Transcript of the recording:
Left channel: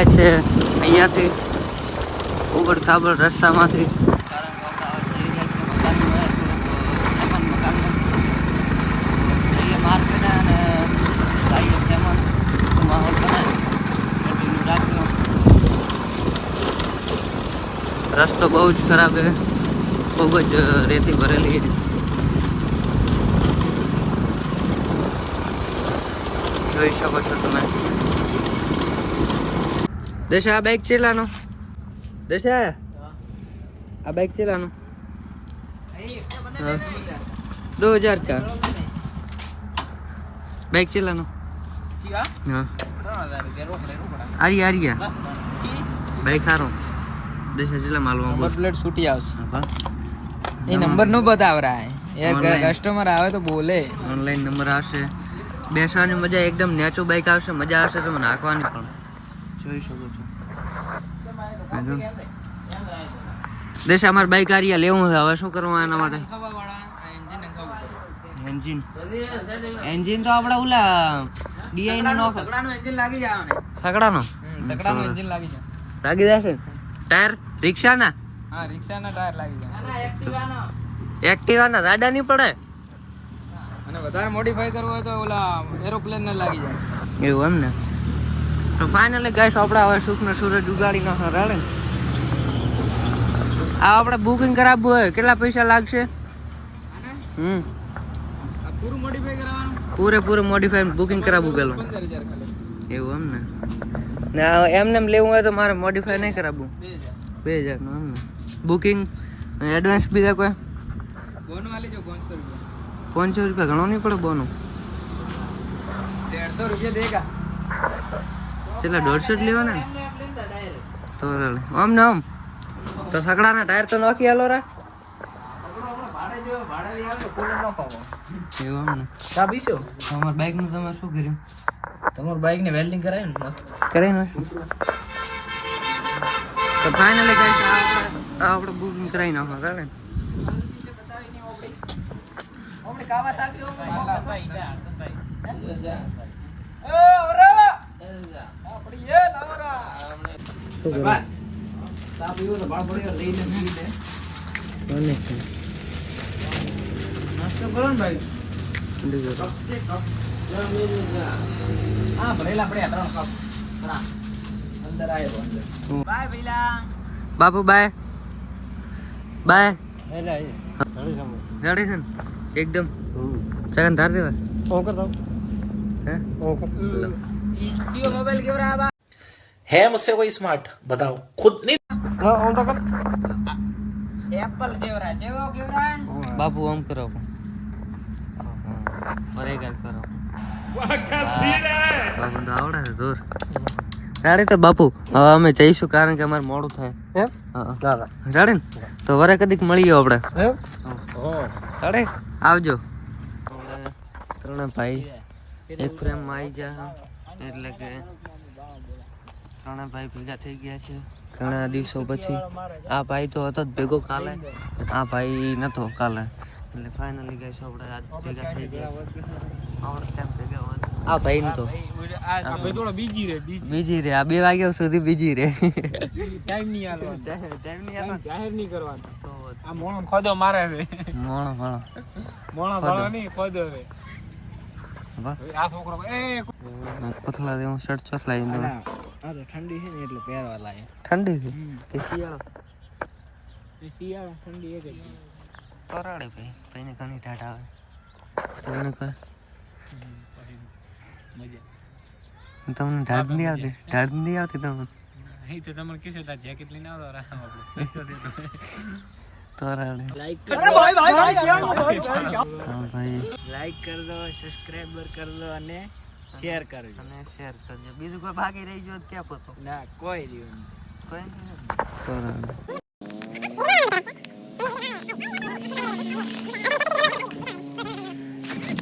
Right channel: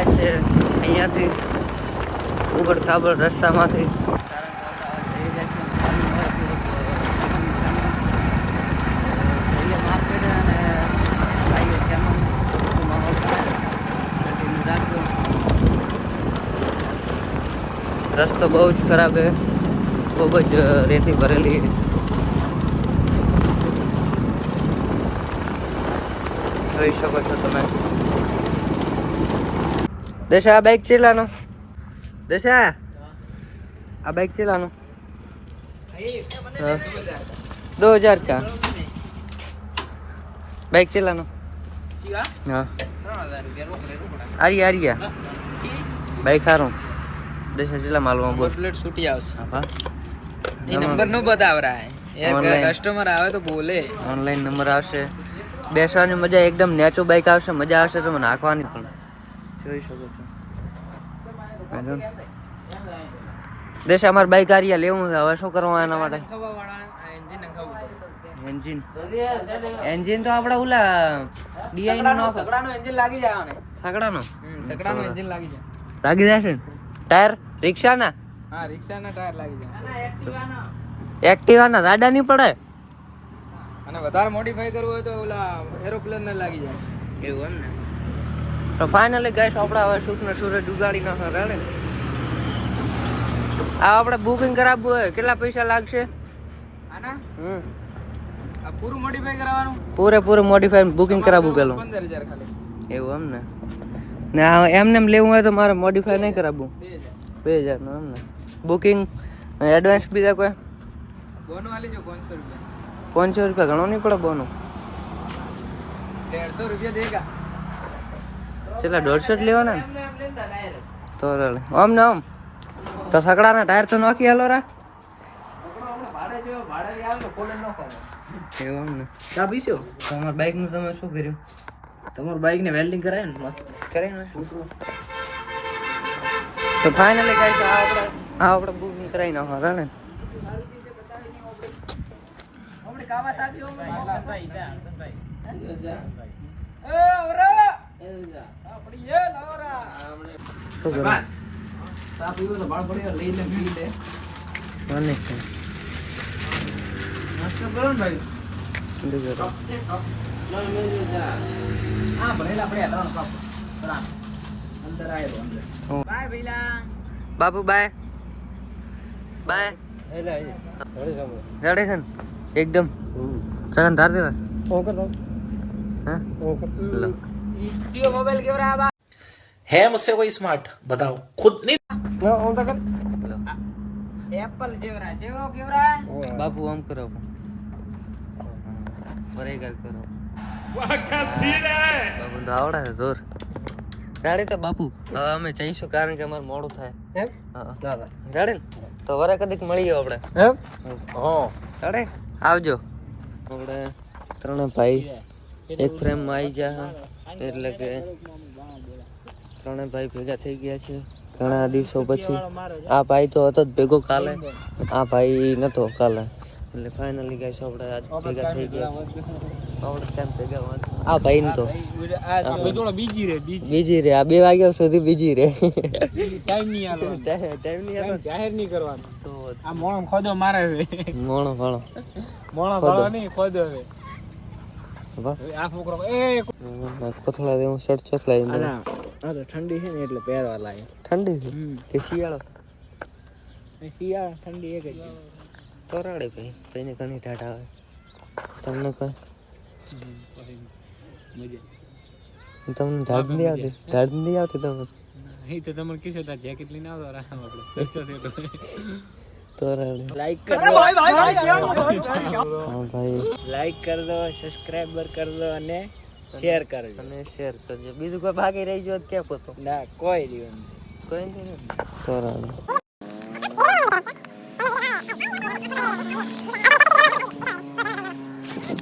જાય છે અહીંયાથી ઉબડ ખાબડ રસ્તામાંથી. રસ્તો બહુ જ ખરાબ છે, બહુ જ રેતી ભરેલી છે. જોઈ શકો છો તમે. દેશા આ બાઈક ચલાનો, દેશા આ બાઈક ચલાનો. हाँ 2000 का बाइक चलानो. हाँ आरिया बाइक आ रहा हूँ. देश जिला मालूम नंबर प्लेट छूटी आवશે. हाँ ये नंबर नो बता रहा है. एक कस्टमर आवे तो बोले ऑनलाइन नंबर આવશે. બેસવાની મજા એકદમ નેચો બાઈક આવશે, મજા આવશે તો નાખવાની પણ જોઈ શકો છો. દેશ અમાર બાઈક આરિયા લેવું છે, હવે શું કરવું એના માટે? એન્જિન તો આપણે ઓલા ડીઆઈ નો નાખો. સકડાનો એન્જિન લાગી જાય ને. સકડાનો એન્જિન લાગી જાય. લાગી જશે. ટાયર રિક્ષાના? હા રિક્ષાના ટાયર લાગી જાય. એક્ટિવાના દાડા નહીં પડે. અને વધારે મોડિફાઈ કરવું હોય તો ઓલા એરોપ્લેન ને લાગી જાય. એવું એમ ને. તો ફાઇનલી ગાઈસ આપણે હવે સુખને સૂરજ ઉગાડી નાખવા રાડે ને. આ આપણે બુકિંગ કરાવવું હોય કેટલા પૈસા લાગશે? આના આ પૂરું મોડિફાઈ કરાવવાનું? પૂરેપૂરું મોડિફાઈ બુકિંગ કરાવવું પેલું. 15000 ખાલી. એવું એમ ને. ને એમને એમ લેવું હોય તો મારે મોડિફાઈ નહીં કરાવવું. 2000 નું એમ ને. બુકિંગ એડવાન્સ બીજા કોઈ બોનો આલી જો 500 રૂપિયા. 500 રૂપિયા ઘણો નહીં પડે બોનો. 150 રૂપિયા દેગા. છેલ્લા 150 જ લેવાના ને તો રાડે. આમ ને આમ તો સકડાના ટાયર તો નાખી હાલો રા. એવું એમ ને. ચાબી શું? તમારા બાઈક નું તમે શું કર્યું? તમારું બાઈક ને વેલ્ડિંગ કરાય ને મસ્ત કરી નાખ્યું. તો ફાઇનલી ગાઈસ આ આપણે બુકિંગ કરાવી નાખવા રાડે. શું કરો? ચા પીવો તો બાળ પડ્યો લઈ લે પી લે. કોને છે? નાસ્તો કરો ને ભાઈ. શું કરો? હા ભરેલા આપણે આ 3 કપ. બરાબર. અંદર આવ્યો અંદર. બાય ભઈલા. Bapu bye bye. હેલા રેડી છે ને એકદમ? સગન ધાર દેવા. ઓન કર દો. હા ઓન કર. ये मोबाइल के बराबर है मुझसे कोई स्मार्ट बताओ खुद नहीं लो ऑन तो कर एप्पल जेवरा जेवो केवरा બાપુ ઓમ કરો. બરેગર કરો. वाह क्या सीन है બાપુ તો આવડે છે જોર. રેડી તો બાપુ હવે અમે જઈશું કારણ કે અમારે મોડું થાય. એમ હા દાદા રેડી ને તો વરે કદીક મળીએ આપણે. એમ હા રેડી આવજો. આપણે ત્રણે ભાઈ એક ફ્રેમમાં આવી ગયા એટલે કે ત્રણે ભાઈ ભેગા થઈ ગયા છે ઘણા દિવસો પછી. આ ભાઈ તો હતો જ ભેગો કાલે, આ ભાઈ નતો કાલે, એટલે ફાઇનલી ગાઈસ આપણે આજ ભેગા થઈ ગયા છે. આપણે કેમ ભેગા વાત આ ભાઈ ને તો બીજી રે આ 2 વાગ્યા સુધી બીજી રે. ટાઈમ નહીં આલો ટાઈમ નહીં આલો જાહેર નહીં કરવાનું. તો આ મોણ ખોદો મારે છે. મોણો વાળો મોણ ખોદો. ખોદો નહીં ખોદો છે. વાહ આ છોકરો એ કોથળા દે હું શર્ટ ચોથ લઈ દઉં. આ તો ઠંડી છે ને એટલે પહેરવા લાગે. ઠંડી છે કે શિયાળો? શિયાળા ઠંડી એક જ છે. કરાડે ભાઈ ભાઈને ઘણી ટાટ આવે. તમને કહે મજા તમને ટાટ નહીં આવતી? ટાટ નહીં આવતી તમને? અહીં તો તમને કીધું તાર જેકેટ લઈને આવતો રામ આપણે સચ્ચો છે તો કરાડે. લાઈક કરજો હા ભાઈ લાઈક કર દો, સબસ્ક્રાઇબર કર દો અને શેર કરજો. અને શેર કરજો. બીજું કોઈ બાકી રહી ગયો ક્યાં પોતો? ના કોઈ રહ્યું કોઈ નહીં કરાડે.